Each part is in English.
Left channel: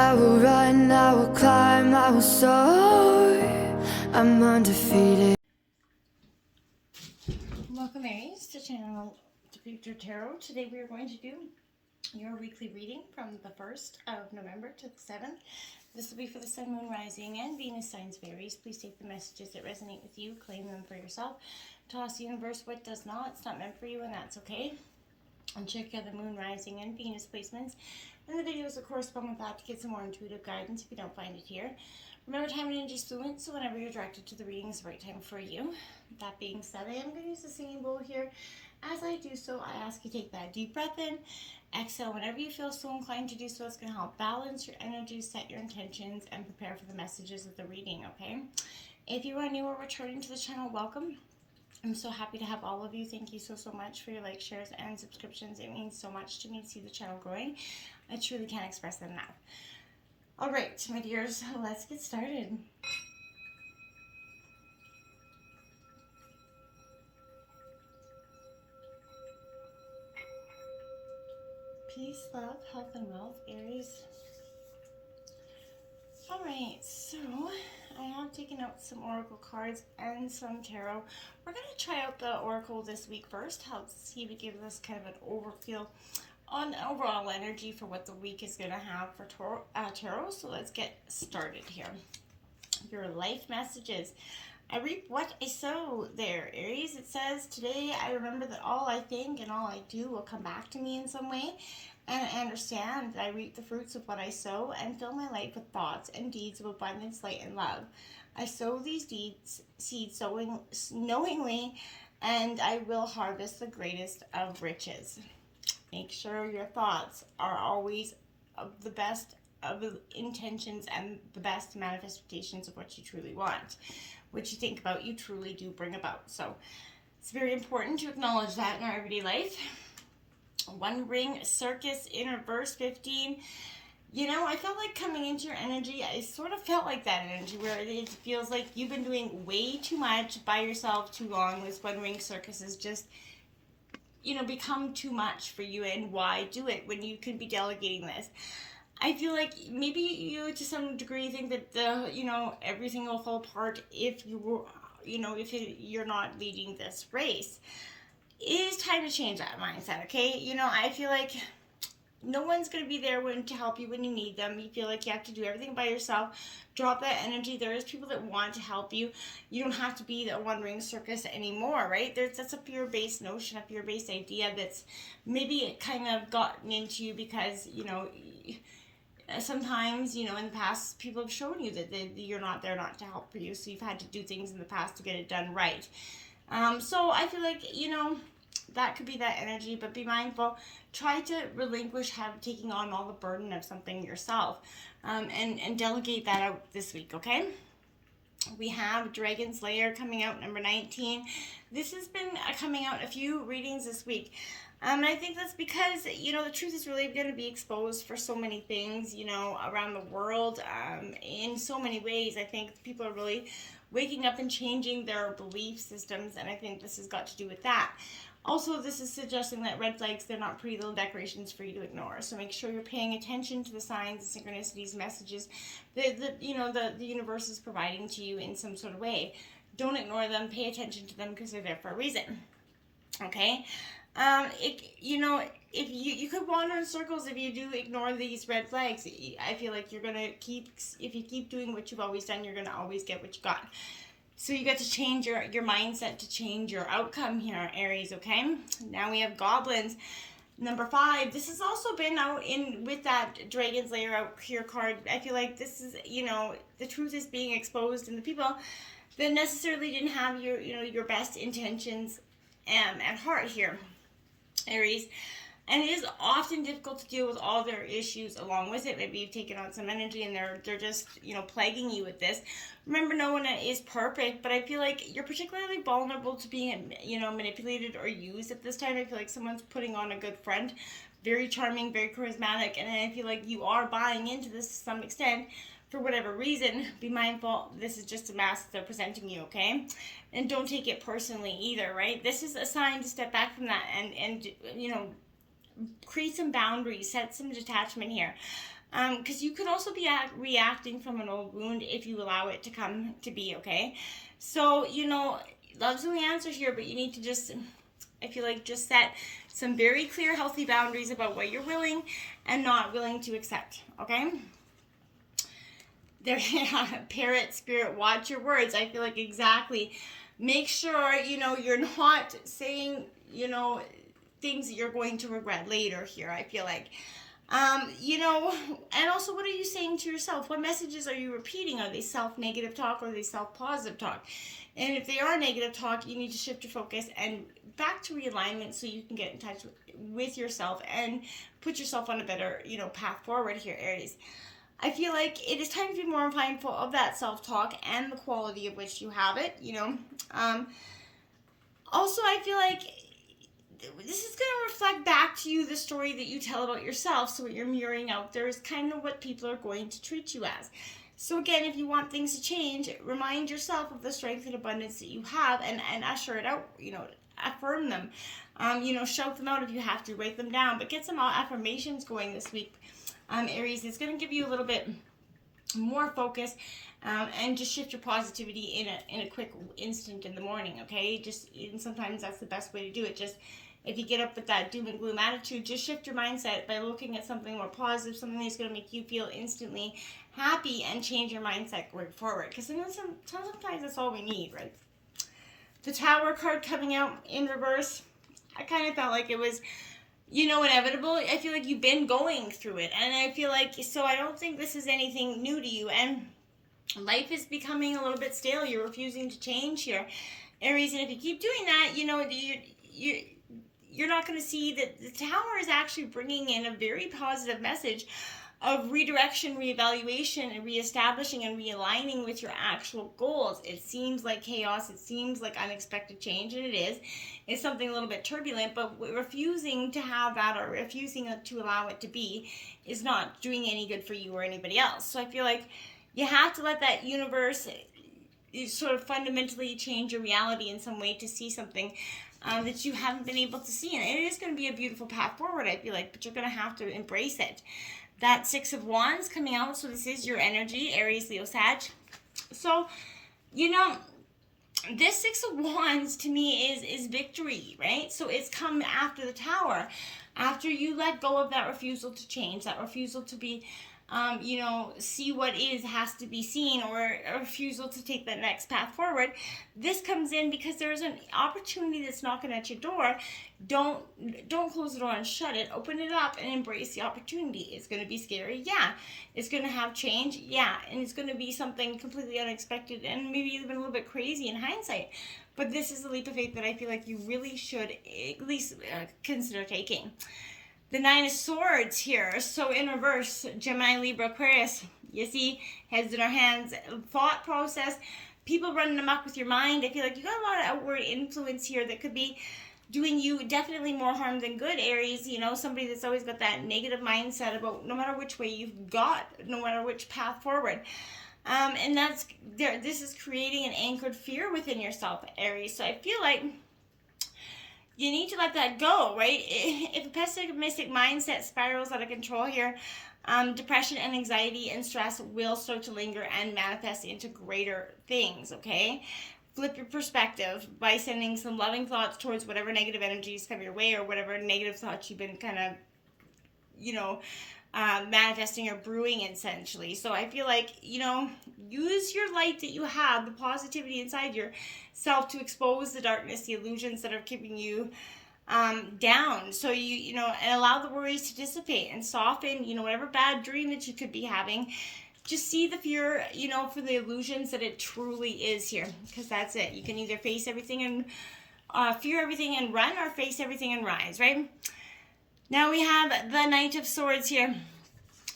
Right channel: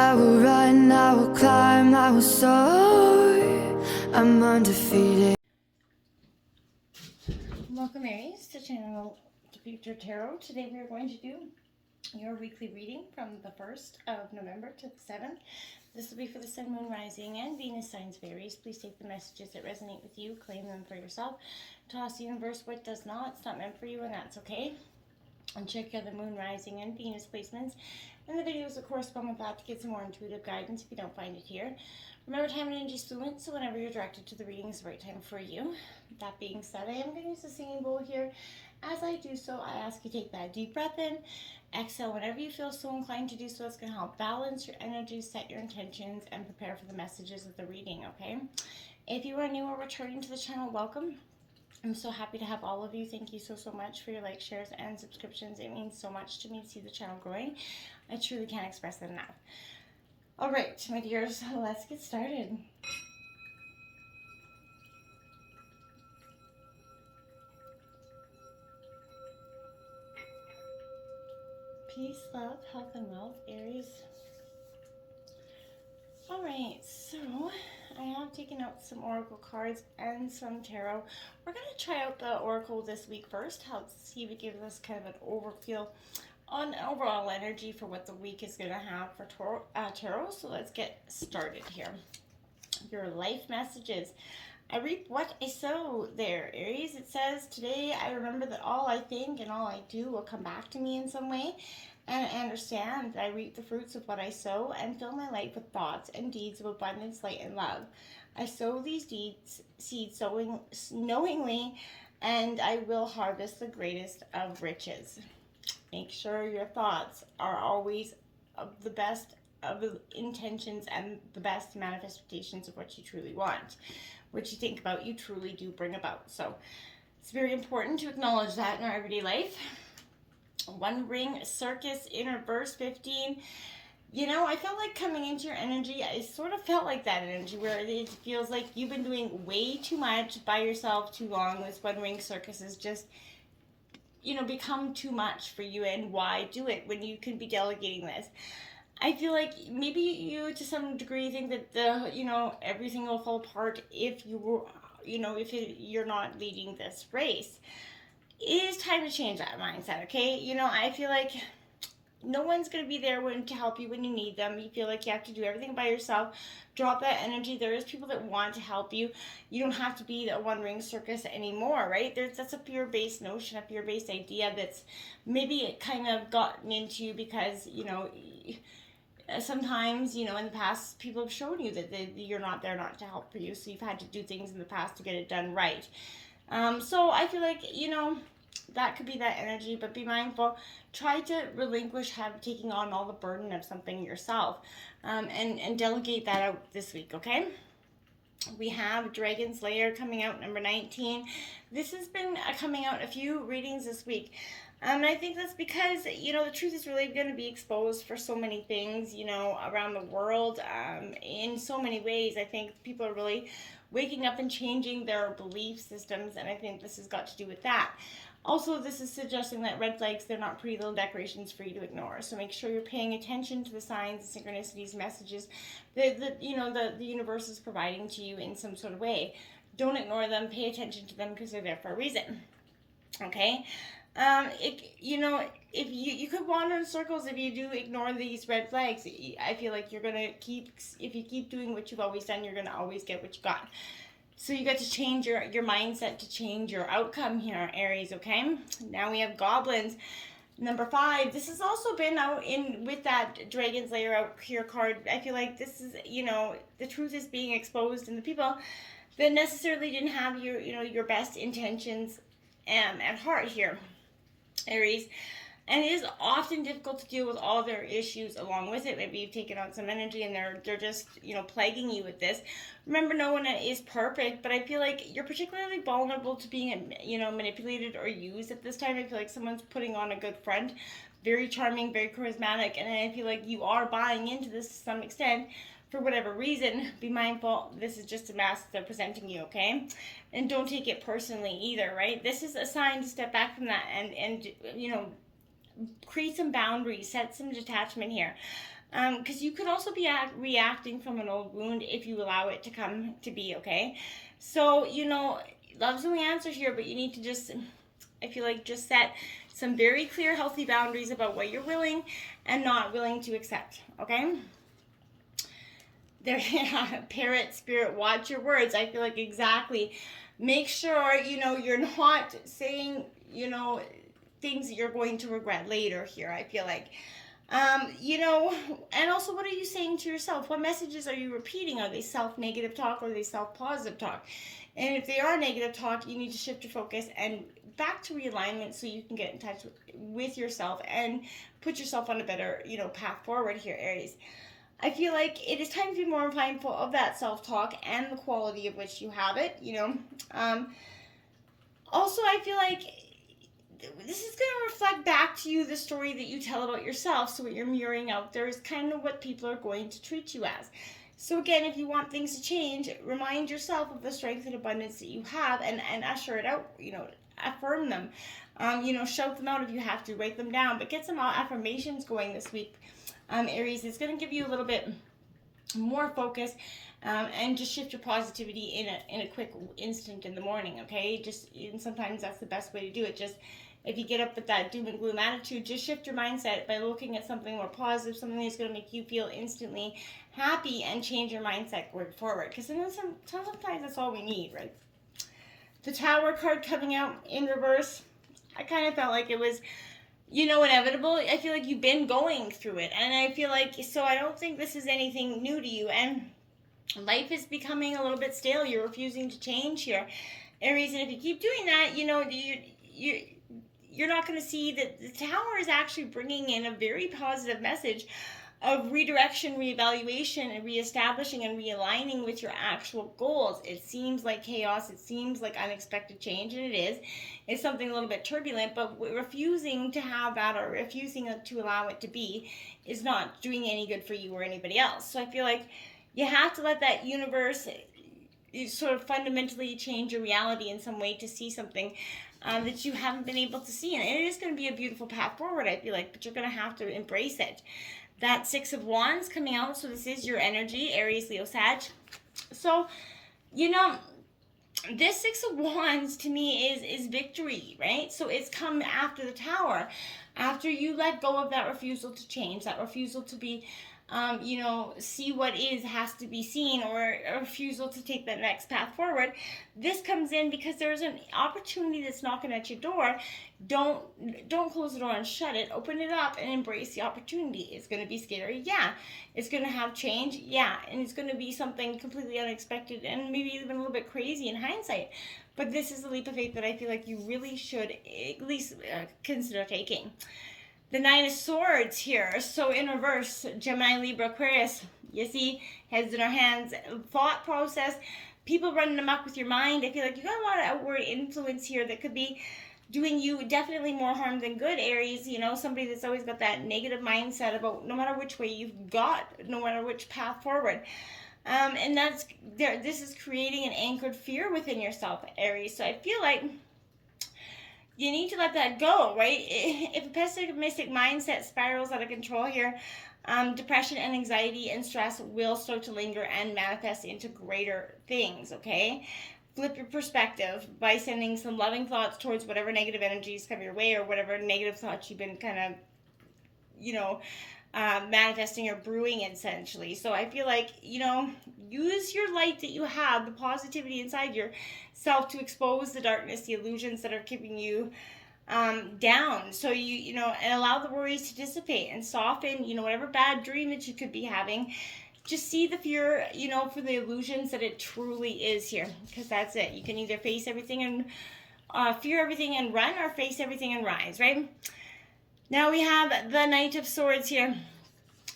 I will run, I will climb, I will soar. I'm undefeated. Welcome, Aries, to Channel to Future Tarot. Today we are going to do your weekly reading from the 1st of November to the 7th. This will be for the Sun, Moon, Rising, and Venus signs of Aries. Please take the messages that resonate with you, claim them for yourself. Toss the universe what does not. It's not meant for you, and that's okay. And check out the Moon, Rising, and Venus placements and the videos that correspond with that to get some more intuitive guidance if you don't find it here. Remember, time and energy is fluent, so whenever you're directed to the reading is the right time for you. That being said, I am going to use the singing bowl here. As I do so, I ask you take that deep breath in, exhale whenever you feel so inclined to do so. It's going to help balance your energy, set your intentions, and prepare for the messages of the reading, okay? If you are new or returning to the channel, welcome. I'm so happy to have all of you. Thank you so much for your likes, shares, and subscriptions. It means so much to me to see the channel growing. I truly can't express that enough. All right, my dears, let's get started. Peace, love, health, and wealth, Aries. All right, so I have taken out some oracle cards and some tarot. We're going to try out the oracle this week first. Help see if it gives us kind of an overfeel on overall energy for what the week is going to have for tarot. So let's get started here. Your life messages. I reap what I sow there, Aries. It says, today I remember that all I think and all I do will come back to me in some way. And I understand that I reap the fruits of what I sow and fill my life with thoughts and deeds of abundance, light, and love. I sow these seeds knowingly, and I will harvest the greatest of riches. Make sure your thoughts are always of the best of the intentions and the best manifestations of what you truly want. What you think about, you truly do bring about. So it's very important to acknowledge that in our everyday life. One ring circus in reverse 15. You know, I felt like coming into your energy, I sort of felt like that energy where it feels like you've been doing way too much by yourself too long. This one ring circus is just, you know, become too much for you. And why do it when you can be delegating this? I feel like maybe you to some degree think that everything will fall apart if you were, you're not leading this race. It is time to change that mindset, okay? You know, I feel like no one's going to be there to help you when you need them. You feel like you have to do everything by yourself. Drop that energy. There is people that want to help you. You don't have to be the one ring circus anymore, right? That's a fear-based notion, a fear-based idea that's maybe kind of gotten into you because, sometimes, in the past, people have shown you that you're not there not to help for you. So you've had to do things in the past to get it done right. So I feel like, that could be that energy, but be mindful. Try to relinquish taking on all the burden of something yourself, and delegate that out this week, okay? We have Dragon's Lair coming out, number 19. This has been coming out a few readings this week. And I think that's because, the truth is really going to be exposed for so many things, around the world, in so many ways. I think people are really waking up and changing their belief systems, and I think this has got to do with that. Also, this is suggesting that red flags, they're not pretty little decorations for you to ignore. So make sure you're paying attention to the signs, the synchronicities, messages that the universe is providing to you in some sort of way. Don't ignore them. Pay attention to them because they're there for a reason. Okay? If you could wander in circles if you do ignore these red flags. I feel like you're gonna if you keep doing what you've always done, you're gonna always get what you got. So you got to change your mindset to change your outcome here, Aries, okay? Now we have Goblins. Number 5. This has also been out with that Dragon's Lair out here card. I feel like this is, the truth is being exposed, and the people that necessarily didn't have your best intentions at heart here, Aries. And it is often difficult to deal with all their issues along with it. Maybe you've taken on some energy and they're just, plaguing you with this. Remember, no one is perfect, but I feel like you're particularly vulnerable to being, manipulated or used at this time. I feel like someone's putting on a good friend. Very charming, very charismatic, and I feel like you are buying into this to some extent. For whatever reason, be mindful, this is just a mask they're presenting you, okay? And don't take it personally either, right? This is a sign to step back from that and create some boundaries, set some detachment here. Because you could also be reacting from an old wound if you allow it to come to be, okay? So, love's the only answer here, but you need to just, I feel like, just set some very clear, healthy boundaries about what you're willing and not willing to accept, okay? There, parrot spirit, watch your words. I feel like exactly. Make sure, you're not saying, things that you're going to regret later here, I feel like. And also, what are you saying to yourself? What messages are you repeating? Are they self-negative talk or are they self-positive talk? And if they are negative talk, you need to shift your focus and back to realignment so you can get in touch with yourself and put yourself on a better, path forward here, Aries. I feel like it is time to be more mindful of that self-talk and the quality of which you have it, Also, I feel like this is going to reflect back to you the story that you tell about yourself. So what you're mirroring out there is kind of what people are going to treat you as. So again, if you want things to change, remind yourself of the strength and abundance that you have and usher it out, affirm them. Shout them out if you have to, write them down, but get some affirmations going this week. Aries, it's going to give you a little bit more focus and just shift your positivity in a quick instant in the morning, okay? And sometimes that's the best way to do it. Just if you get up with that doom and gloom attitude, just shift your mindset by looking at something more positive, something that's going to make you feel instantly happy and change your mindset going forward. Because sometimes that's all we need, right? The Tower card coming out in reverse, I kind of felt like it was, inevitable. I feel like you've been going through it. And I feel like, so I don't think this is anything new to you. And life is becoming a little bit stale. You're refusing to change here, Aries. And if you keep doing that, you're not going to see that the Tower is actually bringing in a very positive message of redirection, reevaluation, and reestablishing and realigning with your actual goals. It seems like chaos. It seems like unexpected change, and it is. It's something a little bit turbulent, but refusing to have that or refusing to allow it to be is not doing any good for you or anybody else. So I feel like you have to let that universe sort of fundamentally change your reality in some way to see something that you haven't been able to see. And it is going to be a beautiful path forward, I feel like, but you're going to have to embrace it. That Six of Wands coming out, so this is your energy, Aries, Leo, Sag. So, this Six of Wands to me is victory, right? So it's come after the Tower, after you let go of that refusal to change, that refusal to be, see what has to be seen, or a refusal to take that next path forward. This comes in because there's an opportunity that's knocking at your door. Don't close the door and shut it. Open it up and embrace the opportunity. It's going to be scary, yeah. It's going to have change, yeah. And it's going to be something completely unexpected and maybe even a little bit crazy in hindsight. But this is a leap of faith that I feel like you really should at least consider taking. The Nine of Swords here. So in reverse, Gemini, Libra, Aquarius. You see, heads in our hands, thought process, people running amok with your mind. I feel like you got a lot of outward influence here that could be doing you definitely more harm than good, Aries. Somebody that's always got that negative mindset about no matter which way you've got, no matter which path forward. And this is creating an anchored fear within yourself, Aries. So I feel like you need to let that go, right? If a pessimistic mindset spirals out of control here, depression and anxiety and stress will start to linger and manifest into greater things, okay? Flip your perspective by sending some loving thoughts towards whatever negative energies come your way or whatever negative thoughts you've been kind of, manifesting or brewing essentially. So I feel like, use your light that you have, the positivity inside yourself to expose the darkness, the illusions that are keeping you down. So and allow the worries to dissipate and soften, whatever bad dream that you could be having. Just see the fear, for the illusions that it truly is here, because that's it. You can either face everything and fear everything and run, or face everything and rise, right? Now we have the Knight of Swords here.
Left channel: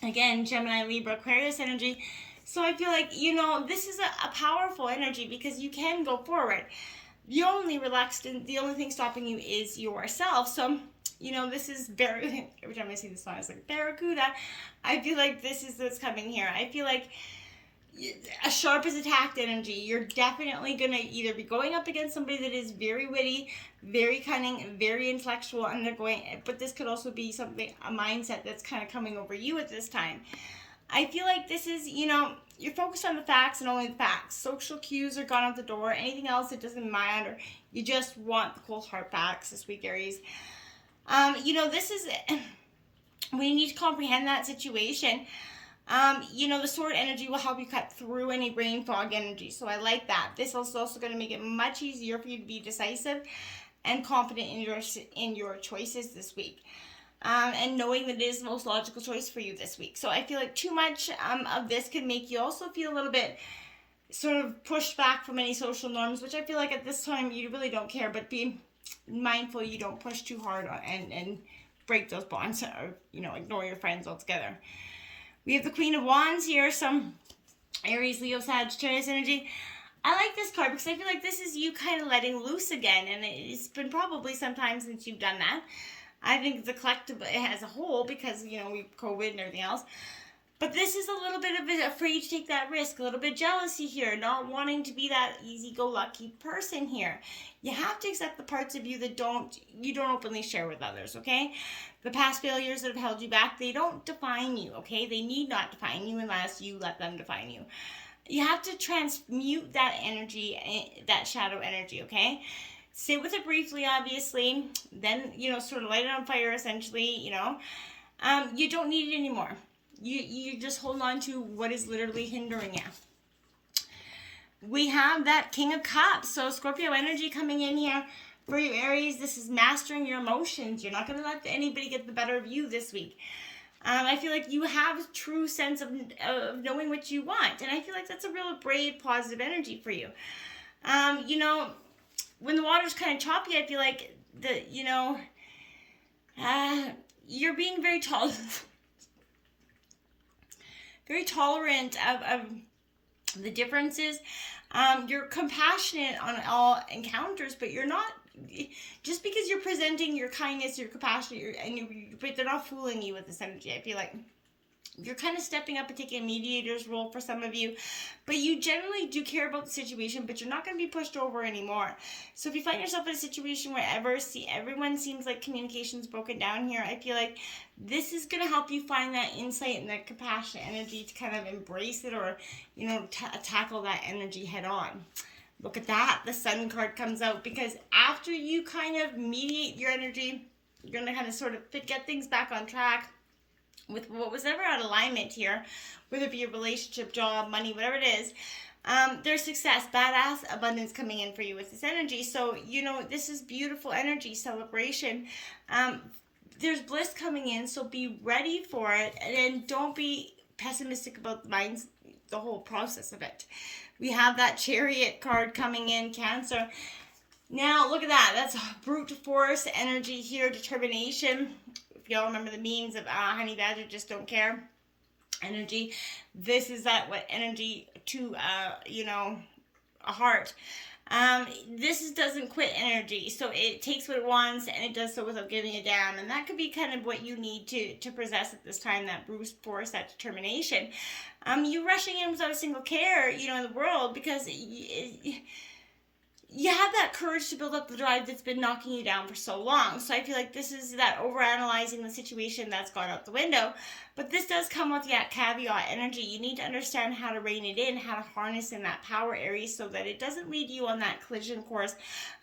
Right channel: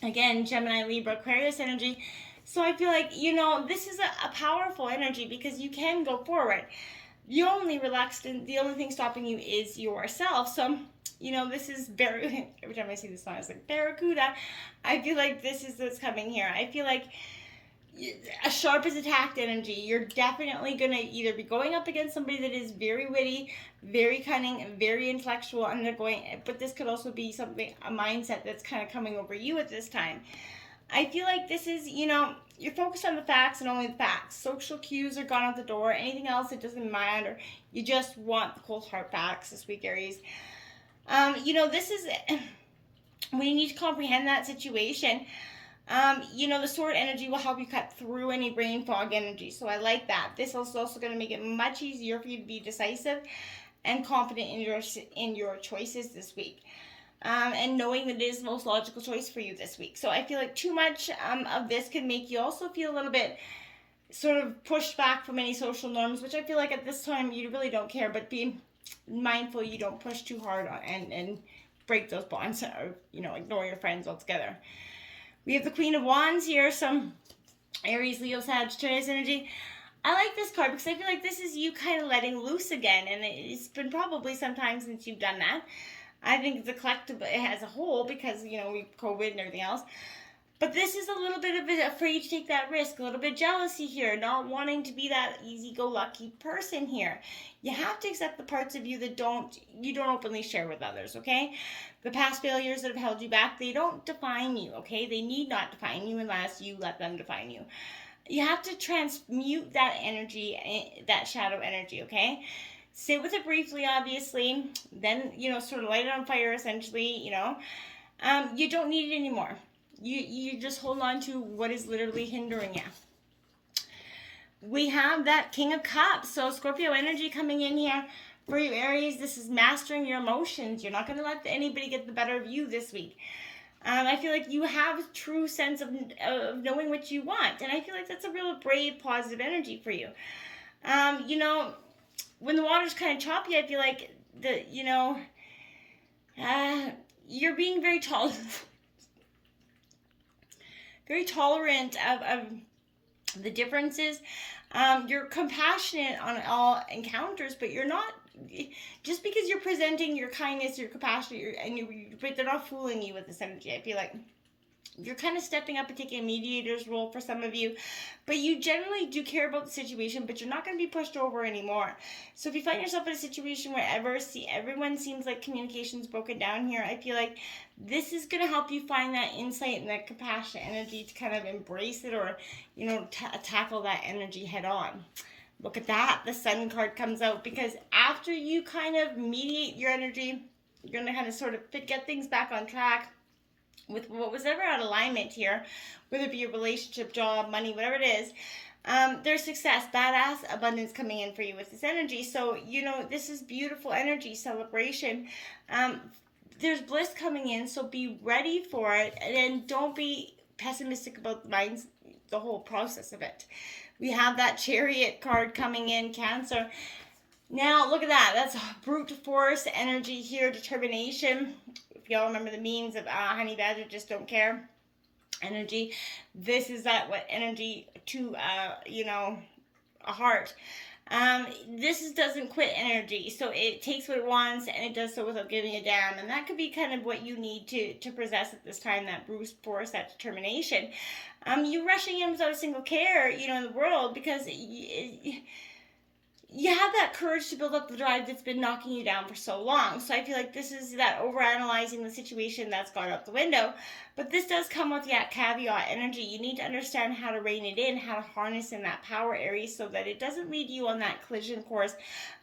Again, Gemini, Libra, Aquarius energy. So I feel like, this is a powerful energy because you can go forward. You're only relaxed, and the only thing stopping you is yourself. So, this is very, every time I see this song, it's like Barracuda. I feel like this is what's coming here. I feel like, a sharp as attacked energy. You're definitely going to either be going up against somebody that is very witty, very cunning, very intellectual, and they're going, but this could also be something, a mindset that's kind of coming over you at this time. I feel like this is, you're focused on the facts and only the facts. Social cues are gone out the door. Anything else, it doesn't matter. You just want the cold hard facts this week, Aries. This is when you need to comprehend that situation. The sword energy will help you cut through any brain fog energy. So I like that. This is also going to make it much easier for you to be decisive and confident in your choices this week. And knowing that it is the most logical choice for you this week. So I feel like too much of this could make you also feel a little bit sort of pushed back from any social norms, which I feel like at this time you really don't care, but be mindful you don't push too hard and break those bonds or, ignore your friends altogether. We have the Queen of Wands here, some Aries, Leo, Sagittarius energy. I like this card because I feel like this is you kind of letting loose again, and it's been probably some time since you've done that. I think the collective as a whole, because, we've COVID and everything else. But this is a little bit of it, afraid to take that risk, a little bit jealousy here, not wanting to be that easy-go-lucky person here. You have to accept the parts of you that you don't openly share with others, okay? The past failures that have held you back, they don't define you, okay? They need not define you unless you let them define you. You have to transmute that energy, that shadow energy, okay? Sit with it briefly, obviously, then, sort of light it on fire, essentially, you don't need it anymore. You just hold on to what is literally hindering you. We have that King of Cups, so Scorpio energy coming in here for you, Aries. This is mastering your emotions. You're not going to let anybody get the better of you this week. I feel like you have a true sense of knowing what you want, and I feel like that's a real brave, positive energy for you. When the water's kind of choppy, I feel like you're being very tolerant of the differences. You're compassionate on all encounters, but you're not, just because you're presenting your kindness, your compassion, but they're not fooling you with this energy. I feel like you're kind of stepping up and taking a mediator's role for some of you, but you generally do care about the situation, but you're not going to be pushed over anymore. So if you find yourself in a situation where everyone seems like communication's broken down here, I feel like this is going to help you find that insight and that compassionate energy to kind of embrace it or, tackle that energy head on. Look at that. The Sun card comes out because after you kind of mediate your energy, you're going to kind of sort of get things back on track with what was ever out of alignment here, whether it be a relationship, job, money, whatever it is. There's success, badass abundance coming in for you with this energy. So, this is beautiful energy, celebration. There's bliss coming in, so be ready for it, and then don't be pessimistic about the whole process of it. We have that Chariot card coming in, Cancer. Now, look at that. That's brute force energy here, determination. If y'all remember the memes of honey badger just don't care energy, this is that energy to a heart. This doesn't quit energy, so it takes what it wants and it does so without giving a damn, and that could be kind of what you need to possess at this time, that brute force, that determination. You're rushing in without a single care, in the world, because you have that courage to build up the drive that's been knocking you down for so long. So I feel like this is that overanalyzing the situation that's gone out the window. But this does come with that caveat energy. You need to understand how to rein it in, how to harness in that power, Aries, so that it doesn't lead you on that collision course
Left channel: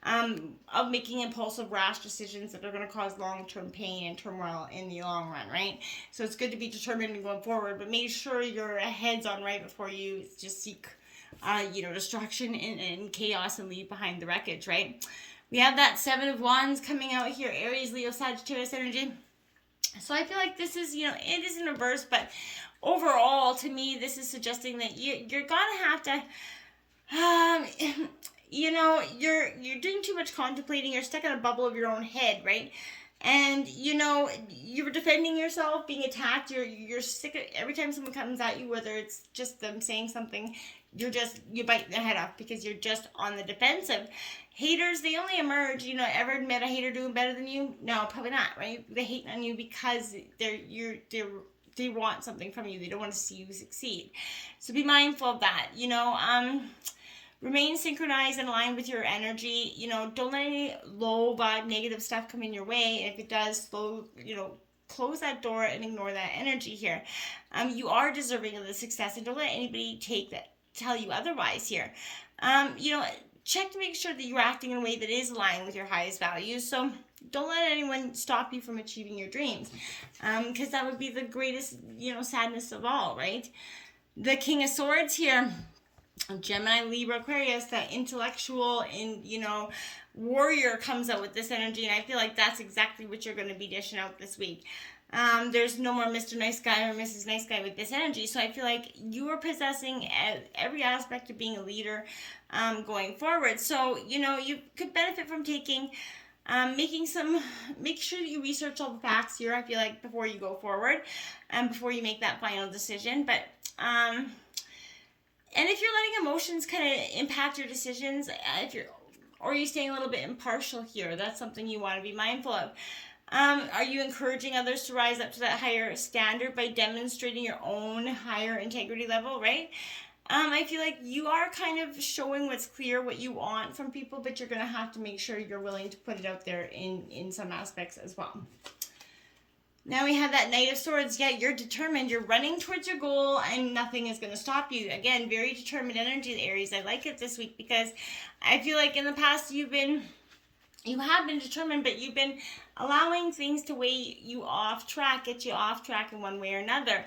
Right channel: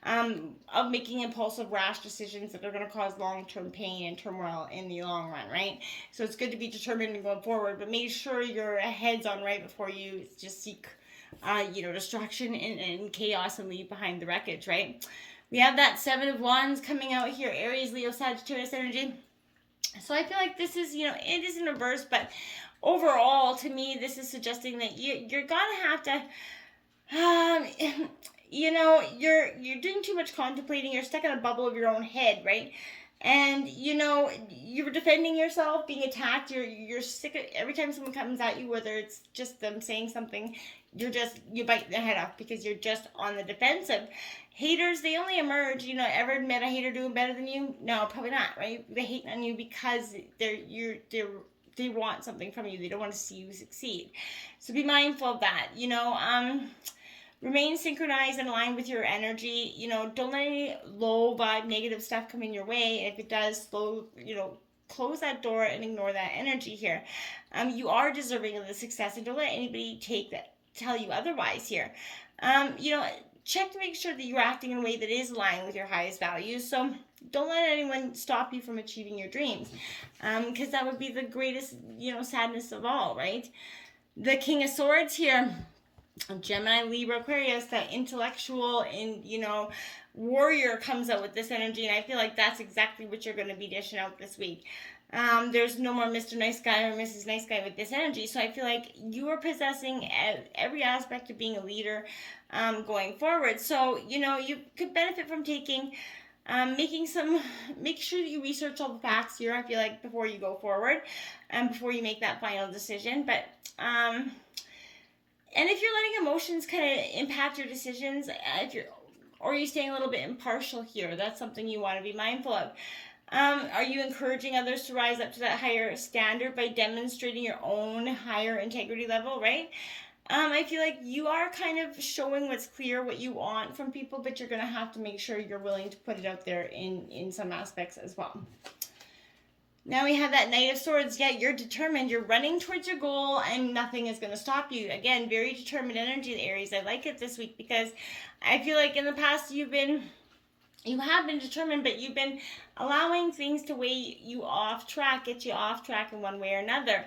of making impulsive, rash decisions that are going to cause long-term pain and turmoil in the long run, right? So it's good to be determined and going forward, but make sure your head's on right before you just seek destruction and chaos and leave behind the wreckage, right? We have that Seven of Wands coming out here, Aries, Leo, Sagittarius energy. So I feel like this is, it is in reverse, but overall, to me, this is suggesting that you're gonna have to, you're doing too much contemplating. You're stuck in a bubble of your own head, right? And you're defending yourself, being attacked. You're sick of every time someone comes at you, whether it's just them saying something, you bite their head off because you're just on the defensive. Haters, they only emerge. Ever met a hater doing better than you? No, probably not, right? They hate on you because they're they want something from you. They don't want to see you succeed. So be mindful of that. Remain synchronized and aligned with your energy. Don't let any low vibe, negative stuff come in your way. And if it does, close that door and ignore that energy here. You are deserving of the success, and don't let anybody tell you otherwise here. Check to make sure that you're acting in a way that is aligned with your highest values. So don't let anyone stop you from achieving your dreams, because that would be the greatest, sadness of all, right? The King of Swords here, Gemini, Libra, Aquarius, that intellectual and, warrior comes out with this energy, and I feel like that's exactly what you're going to be dishing out this week. There's no more Mr. Nice Guy or Mrs. Nice Guy with this energy, so I feel like you are possessing every aspect of being a leader going forward. So, you could benefit from make sure that you research all the facts here, I feel like, before you go forward and before you make that final decision. But, and if you're letting emotions kind of impact your decisions, or you're staying a little bit impartial here, that's something you want to be mindful of. Are you encouraging others to rise up to that higher standard by demonstrating your own higher integrity level, right? I feel like you are kind of showing what's clear, what you want from people, but you're going to have to make sure you're willing to put it out there in some aspects as well. Now we have that Knight of Swords. Yeah, you're determined. You're running towards your goal, and nothing is going to stop you. Again, very determined energy, Aries. I like it this week because I feel like in the past you have been determined, but you've been allowing things to weigh you off track, get you off track in one way or another.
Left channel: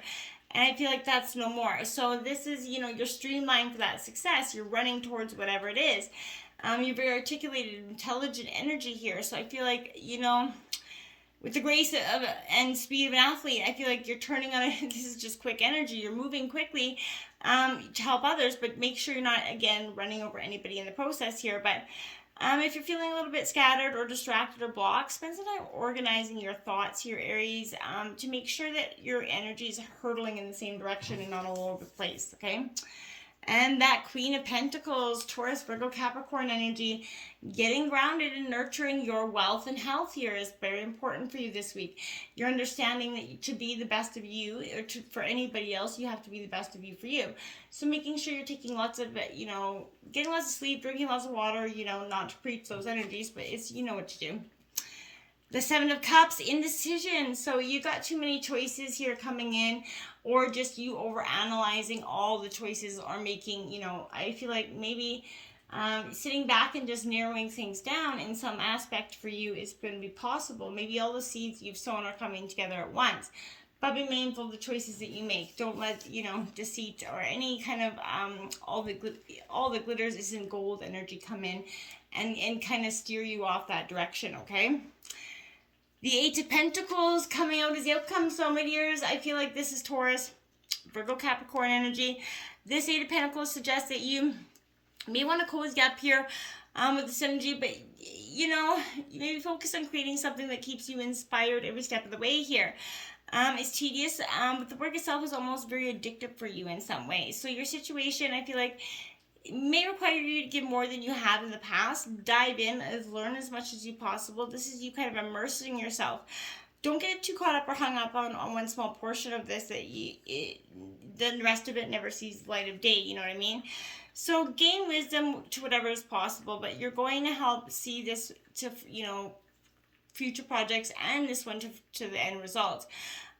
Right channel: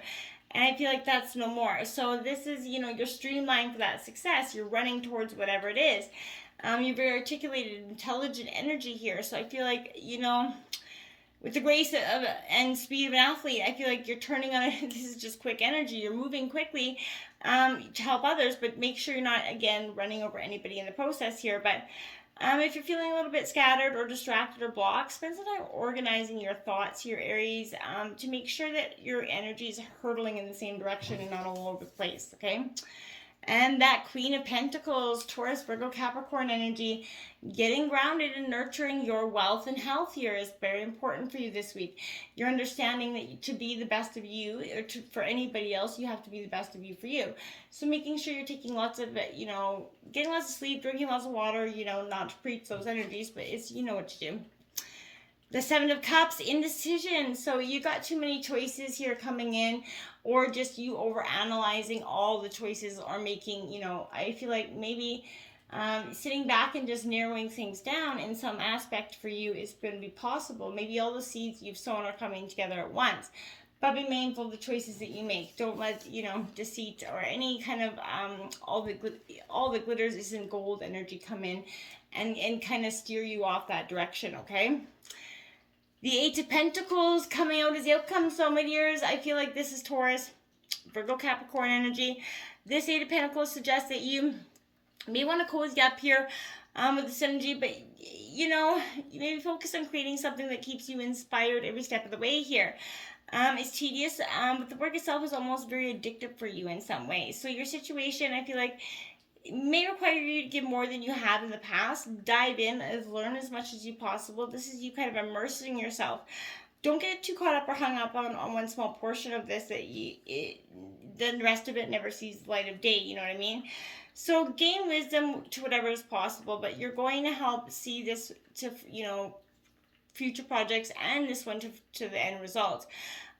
And I feel like that's no more. So this is, you're streamlined for that success. You're running towards whatever it is. You're very articulated, intelligent energy here. So I feel like, with the grace and speed of an athlete, I feel like you're turning on it. This is just quick energy. You're moving quickly to help others, but make sure you're not, again, running over anybody in the process here. But if you're feeling a little bit scattered or distracted or blocked, spend some time organizing your thoughts here, Aries, to make sure that your energy is hurtling in the same direction and not all over the place, okay? And that Queen of Pentacles, Taurus, Virgo, Capricorn energy, getting grounded and nurturing your wealth and health here is very important for you this week. You're understanding that to be the best of you, or for anybody else, you have to be the best of you for you. So making sure you're taking lots of, getting lots of sleep, drinking lots of water, not to preach those energies, but it's, what to do. The Seven of Cups, indecision. So you got too many choices here coming in, or just you over-analyzing all the choices, or making, I feel like maybe sitting back and just narrowing things down in some aspect for you is going to be possible. Maybe all the seeds you've sown are coming together at once. But be mindful of the choices that you make. Don't let, deceit or any kind of all the glitters isn't gold energy come in and kind of steer you off that direction, okay? The Eight of Pentacles coming out as the outcome. So, my dears, I feel like this is Taurus, Virgo, Capricorn energy. This Eight of Pentacles suggests that you may want to cozy up here with this energy, but, you maybe focus on creating something that keeps you inspired every step of the way here. It's tedious, but the work itself is almost very addictive for you in some ways. So your situation, I feel like, may require you to give more than you have in the past. Dive in, learn as much as you possible. This is you kind of immersing yourself. Don't get too caught up or hung up on one small portion of this that then the rest of it never sees the light of day, you know what I mean? So gain wisdom to whatever is possible, but you're going to help see this to, future projects and this one to the end result.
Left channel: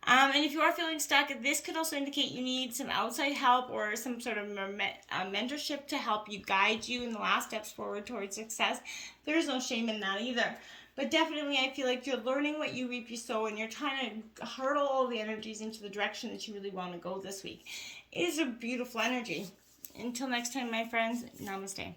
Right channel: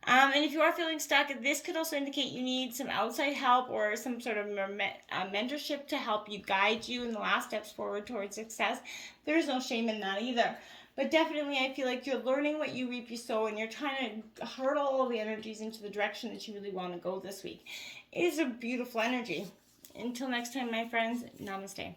And if you are feeling stuck, this could also indicate you need some outside help or some sort of mentorship to help you guide you in the last steps forward towards success. There's no shame in that either. But definitely, I feel like you're learning what you reap, you sow, and you're trying to hurdle all the energies into the direction that you really want to go this week. It is a beautiful energy. Until next time, my friends, namaste.